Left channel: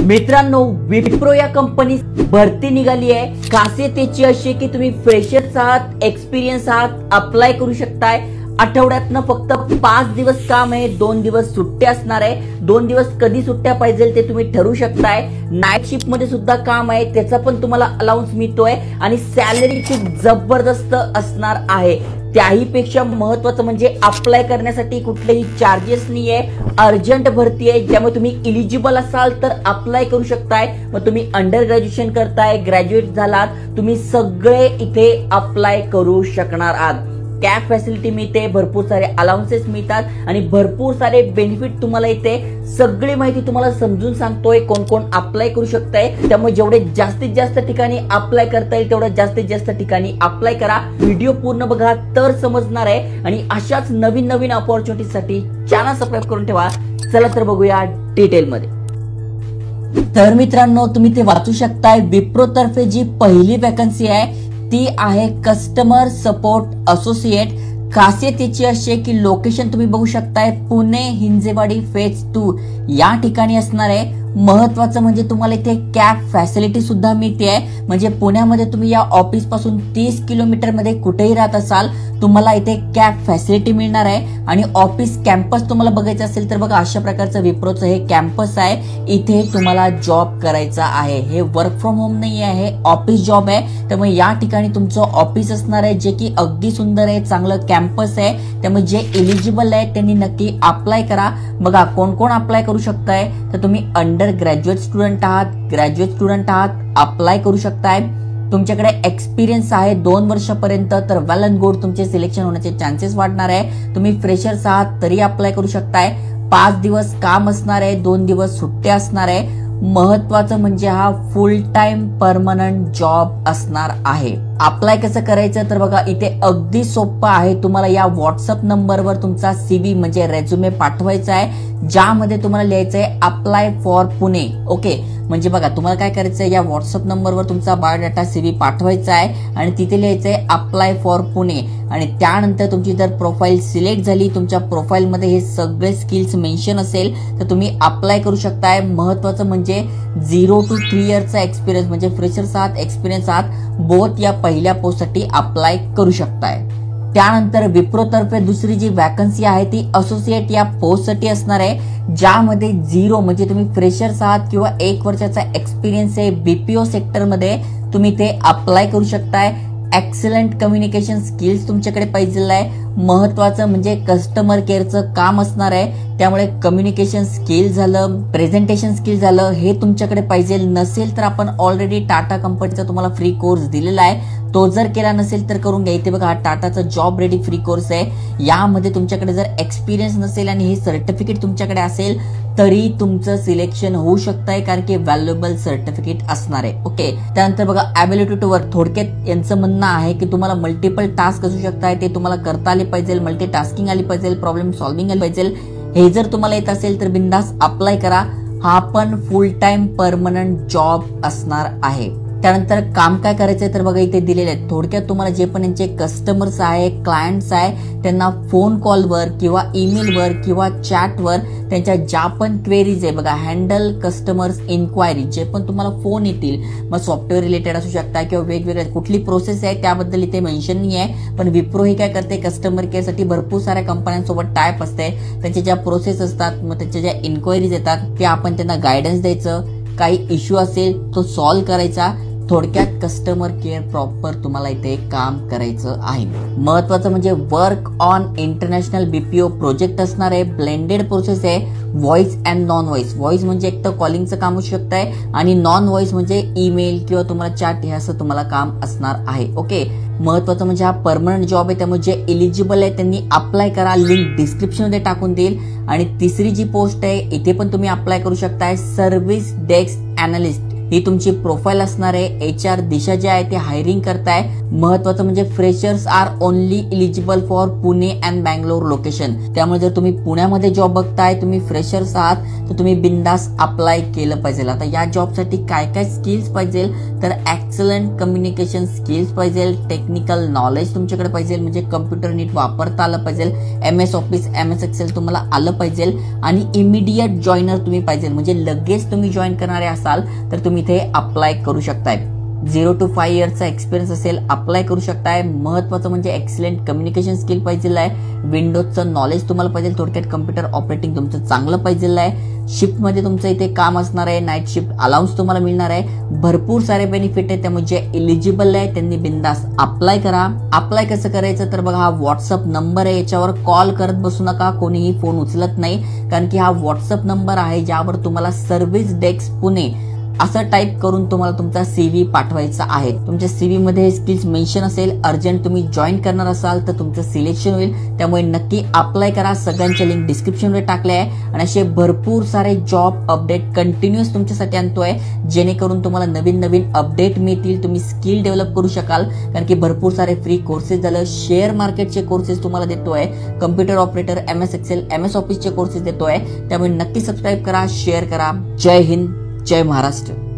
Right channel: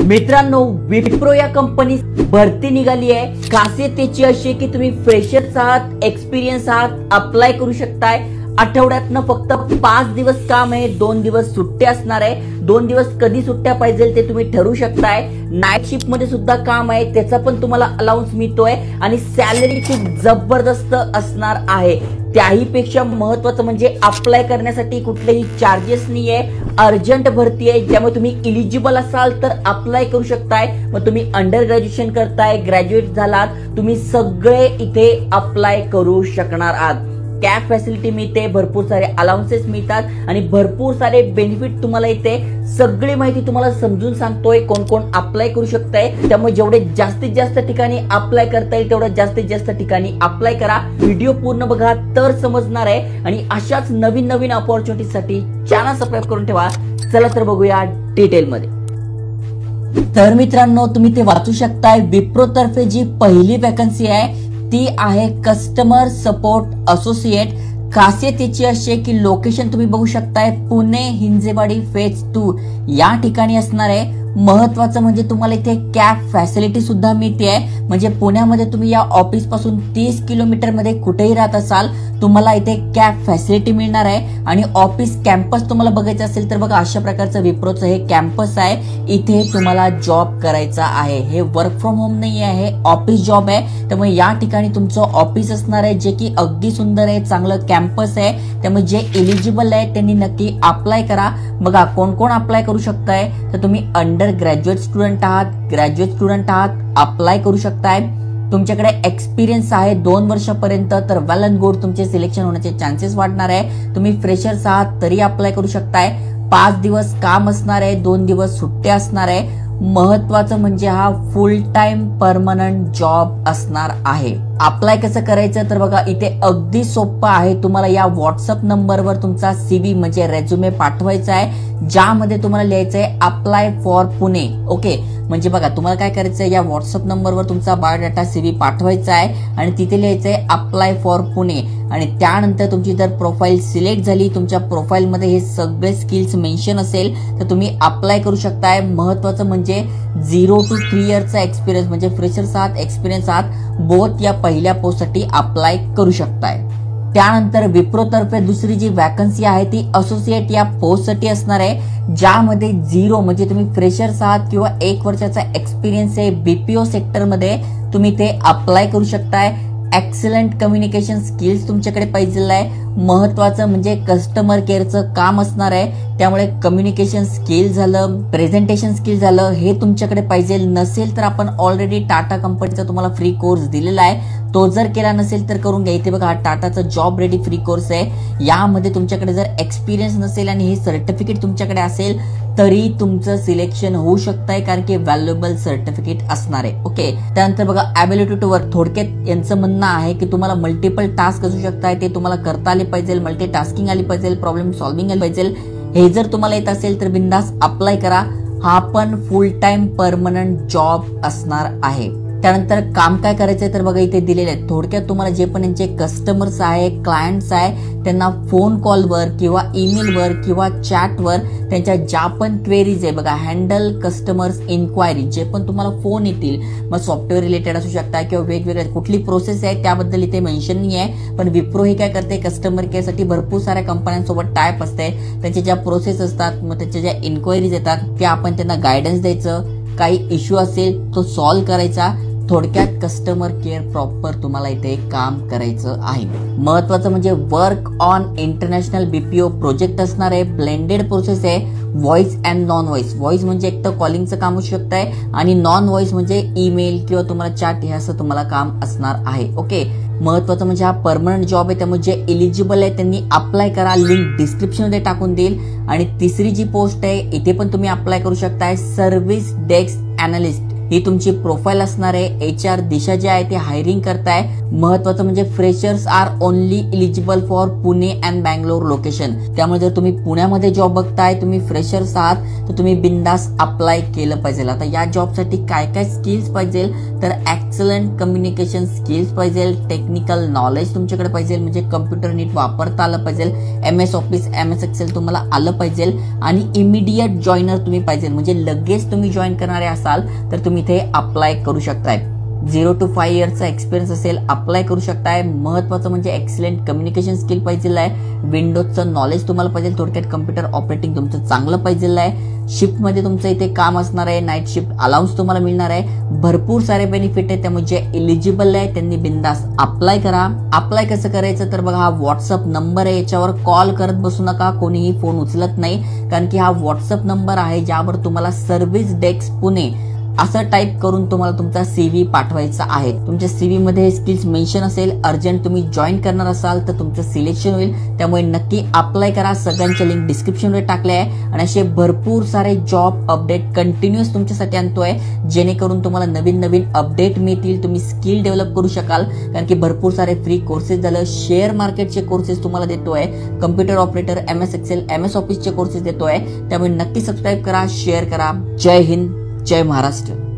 मित्रांनो, विप्रो या कंपनी भरती निघाली आहे. खासियतीची अशी की तुम्ही फ्रेशर्स आहात, एक्सपिरियन्स आहात, अप्लाय करू शकताय. आठवड्यातनं फक्त 5 दिवस काम आहे, 2 दिवस सुट्टी असणार आहे. 2 दिवस कधी सुट्ट्या पाहिजे ते तुम्ही ठरवू शकताय. नाईट शिफ्ट मध्ये सुद्धा काम आहे, त्याचा पण तुम्हाला अलाउन्स मिळतोय आणि सॅलरीची जबरदस्त असणार आहे. त्याही पेक्षा महत्वाचं म्हणजे अप्लाय करण्यासाठी कुठलेही चार्जेस नाहीये. अर्जंट भरती आहे, ज्यामुळे तुम्ही इलिजिबल असाल तर अप्लाय करू शकताय. मग तुम्ही अंडर ग्रॅज्युएशन करताय, ग्रॅज्युएट झालात, तुम्ही सगळे इथे अप्लाय करू शकणार आहात. कॅब फॅसिलिटी मिळते, भरपूर सारे अलाउन्सेस मिळतात आणि भरपूर सारे बेनिफिट तुम्हाला इथे. सगळी माहिती तुम्हाला समजून सांगतोय, कोण कोण अप्लाय करू शकताय. त्यामुळे जेवढे जास्तीत जास्त ठिकाणी अप्लाय करता येईल तेवढं जास्तीत जास्त ठिकाणी अप्लाय करा. व्हिडिओ पूर्ण बघा तर समजणार आहे आणि अशाच नवीन नवीन ऑपॉर्च्युनिटीसाठी चॅनल सबस्क्राईब करून ठेवा. चला तर बघूया डिटेल मध्ये. तर मित्रांनो, तुम्ही ते वाचू शकताय. विप्रो तर्फे जी पहिली वॅकन्सी आहे ती आहे कस्टमर सपोर्ट असोसिएट. खासियतीची अशी आहे की लोकेशन तुम्ही बघू शकताय, पुणे हिंजेवाडी फेज 2 या ठिकाणी असणार आहे. महत्वाचं म्हणजे तुम्हाला इथे कॅब फॅसिलिटी सुद्धा मिळते. म्हणजे पुण्यामध्ये तुम्ही या ऑफिस पासून 30 किलोमीटर मध्ये कुठेही राहत असाल, तुम्हाला इथे कॅब फॅसिलिटी मिळणार आहे. आणि ऑफिस कॅम्पस तुम्हाला बघायचं असेल तर बघा, अशा प्रकारचं विप्रोचं हे कॅम्पस आहे. इथे तुम्हाला जॉब करायचा आहे. हे वर्क फ्रॉम होम नाही आहे, ऑफिस जॉब आहे. त्यामुळे या ठिकाणी तुमचं ऑफिस असणार आहे, जे की अगदी सुंदर आहे, चांगलं कॅम्पस आहे. त्यामुळे जे एलिजिबल आहे त्यांनी नक्की अप्लाय करा. बघा कोण कोण अप्लाय करू शकताय. तर तुम्ही अंडर ग्रॅज्युएट स्टुडंट आहात, ग्रॅज्युएट स्टुडंट आहात, अप्लाय करू शकताय. तुमच्याकडे एक्सपिरियन्स आहे 2 वर्षापर्यंत, तर वेल अँड गुड, तुमचे सिलेक्शन होण्याचे चान्सेस वाढणार आहे. तुम्ही फ्रेशर्स आहात तरी अप्लाय करू शकताय. 5 दिवस काम असणार आहे, 2 दिवस सुट्टी असणार आहे. महत्वाचं म्हणजे हा फुल टाइम परमनंट जॉब असणार आहे. अप्लाय कसं करायचं तर बघा, इथे अगदी सोपं आहे. तुम्हाला या व्हॉट्सअप नंबरवर तुमचा CV म्हणजे रेझ्युमे पाठवायचा आहे, ज्यामध्ये तुम्हाला लिहायचंय अप्लाय फॉर पुणे. ओके, म्हणजे बघा तुम्हाला काय करायचंय, या व्हॉट्सअप नंबरवर तुमचा बायोडाटा CV पाठवायचा आहे आणि तिथे लिहायचंय अप्लाय फॉर पुणे. आणि त्यानंतर तुमची जर प्रोफाईल सिलेक्ट झाली, तुमच्या प्रोफाईलमध्ये हे सगळे स्किल्स मेन्शन असेल तर तुम्ही अप्लाय करू शकताय. महत्वाचं म्हणजे 0 to 3 इयर्सचा एक्सपिरियन्स, म्हणजे फ्रेशर्स आहात, एक्सपिरियन्स आहात, बोथ या पहिल्या पोस्टसाठी अप्लाय करू शकताय. त्यानंतर विप्रो तर्फे दुसरी जी वॅकन्सी आहे ती असोसिएट या पोस्टसाठी असणार आहे, ज्यामध्ये 0 म्हणजे तुम्ही फ्रेशर्स आहात किंवा 1 वर्षाचा एक्सपिरियन्स आहे BPO सेक्टरमध्ये, तुम्ही ते अप्लाय करू शकताय. एक्सलंट कम्युनिकेशन स्किल्स तुमच्याकडे पाहिजे आहे. महत्वाचं म्हणजे कस्टमर केअरचं काम असणार आहे, त्यामुळे कम्युनिकेशन स्किल झालं, प्रेझेंटेशन स्किल झालं, हे तुमच्याकडे पाहिजे. नसेल तर आपण ऑलरेडी टाटा कंपनीचा तुम्हाला फ्री कोर्स दिलेला आहे, तो जर केला नसेल तर करून घ्या. इथे बघा, टाटाचा जॉब रेडी फ्री कोर्स आहे. यामध्ये तुमच्याकडे जर एक्सपिरियन्स नसेल आणि हे सर्टिफिकेट तुमच्याकडे असेल तरी तुमचं सिलेक्शन होऊ शकतंय, कारण की व्हॅल्युएबल सर्टिफिकेट असणार आहे. ओके, त्यानंतर बघा ॲबिलिटी टू वर्क. थोडक्यात यांचं म्हणणं आहे की तुम्हाला मल्टिपल टास्क असू शकताय, ते तुम्हाला करता आले पाहिजे, मल्टी टास्किंग आली पाहिजे, प्रॉब्लेम सॉल्व्हिंग आली पाहिजे. हे जर तुम्हाला येत असेल तर बिंदास अप्लाय करा. हा पण फुल टाइम परमनंट जॉब असणार आहे. त्यानंतर काम काय करायचे तर बघा, इथे दिलेले आहेत. थोडक्यात तुम्हाला जे पण यांचे कस्टमर्स आहे, क्लायंट्स आहे, त्यांना फोन कॉलवर किंवा ईमेलवर किंवा चॅटवर त्यांच्या ज्या पण क्वेरीज आहे बघा, हँडल कस्टमर्स इन्क्वायरी, जे पण तुम्हाला फोन येतील, मग सॉफ्टवेअर रिलेटेड असू शकता किंवा वेगवेगळ्या कुठली प्रोसेस आहे त्याबद्दल इथे मेन्शन नाही आहे. पण विप्रो हे काय करते, कस्टमर केअर साठी भरपूर साऱ्या कंपन्यांसोबत टायप असते. त्यांच्या ज्या प्रोसेस असतात, मग त्याच्या ज्या इन्क्वायरीज येतात त्या आपण त्यांना गायडन्स द्यायचं. काही इश्यू असेल तो सॉल्व्ह करायचा. थोडक्यात कस्टमर केअर प्रॉपर तुम्हाला इथे काम करायचं आहे. महत्वाचं म्हणजे work on international BPO project असणार आहे. ब्लेंडेड प्रोसेस आहे, voice and non voice. Voice म्हणजे एक तर कॉलिंगचं काम असू शकतंय आणि नॉन व्हॉइस म्हणजे ईमेल किंवा तुम्हाला चॅट, हे असं तुम्हाला काम असणार आहे. ओके, महत्वाचं म्हणजे हा परमनंट जॉब आहे, त्यामुळे जे एलिजिबल आहे त्यांनी अप्लाय करा. लिंक डिस्क्रिप्शन मध्ये टाकून देईल. आणि तिसरी जी पोस्ट आहे इथे पण तुम्ही अप्लाय करू शकताय, सर्व्हिस डेस्क अॅनालिस्ट ही तुमची प्रोफाईल असणार आहे. HR दिशा जे आहे ती हायरिंग करताय. महत्वाचं म्हणजे freshers are only eligible for Pune and Bangalore location. त्यामुळे जर तुम्ही पुण्यामध्ये जॉब बघताय, तुम्ही फ्रेशर्स आहात, तर तुम्ही बिंदास अप्लाय केलं पाहिजे. आता या जॉबसाठी काय काय स्किल्स पाहिजे, तर एक्सलंट कम्युनिकेशन स्किल्स पाहिजे, टेक्निकल नॉलेज तुमच्याकडे पाहिजे, म्हणजे कम्प्युटर नीट वापरता आलं पाहिजे, MS ऑफिस MS एक्सेल तुम्हाला आलं पाहिजे आणि इमिडिएट जॉईनर तुम्ही पाहिजे, म्हणजे लगेच तुम्ही जॉईन करणारे असाल तर तुम्ही इथे अप्लाय करू शकताय. 0 to 5 इयर्सचा एक्सपिरियन्स असेल, अप्लाय करू शकताय. महत्वाचं म्हणजे एक्सलेंट कम्युनिकेशन स्किल पाहिजे आहे, विंडोजचं नॉलेज तुम्हाला पाहिजे, थोडक्यात कम्प्युटर ऑपरेटिंग तुमचं चांगलं पाहिजे आहे. शिफ्ट मध्ये तुमचं इथे काम असणार आहे, नाईट शिफ्ट अलाउन्स तुम्हाला मिळणार आहे. भरपूर सारे बेनिफिट आहे, त्यामुळे जे एलिजिबल आहे त्यांनी बिंदास अप्लाय करा. अप्लाय कसं करायचं तर बघा, हा व्हॉट्सअप नंबर आहे, याच्यावर कॉल करत बसू नका, कोणीही फोन उचलत नाही, कारण की हा व्हॉट्सअप नंबर आहे, यावर तुम्हाला सर्व्हिस डेस्क पुणे असं टाईप करून तुम्हाला तुमचा CV पाठवायचा आहे. तुमच्या CV मध्ये स्किल्स मेन्शन असेल, अर्जंट तुम्ही जॉईन करणार असाल तर तुमचं सिलेक्शन होईल. त्यामुळे नक्की अप्लाय करा. सगळ्यांचे लिंक डिस्क्रिप्शन मध्ये टाकले आहे आणि असे भरपूर सारे जॉब अपडेट कंटिन्युअस तुमच्यासाठी आणतोय, जेणेकरून तुम्हाला नवीन नवीन अपडेट मिळतील, तुम्ही स्किल डेव्हलप करू शकाल. कारण की भरपूर सारे फ्री कोर्सेस झालं, शेअर मार्केटचे कोर्सेस तुम्हाला देतोय, computer operator MS excel MS ऑफिसचे कोर्सेस देतोय. त्यामुळे नक्की सबस्क्राईब करा, शेअर करा. जय हिंद, जय महाराष्ट्र.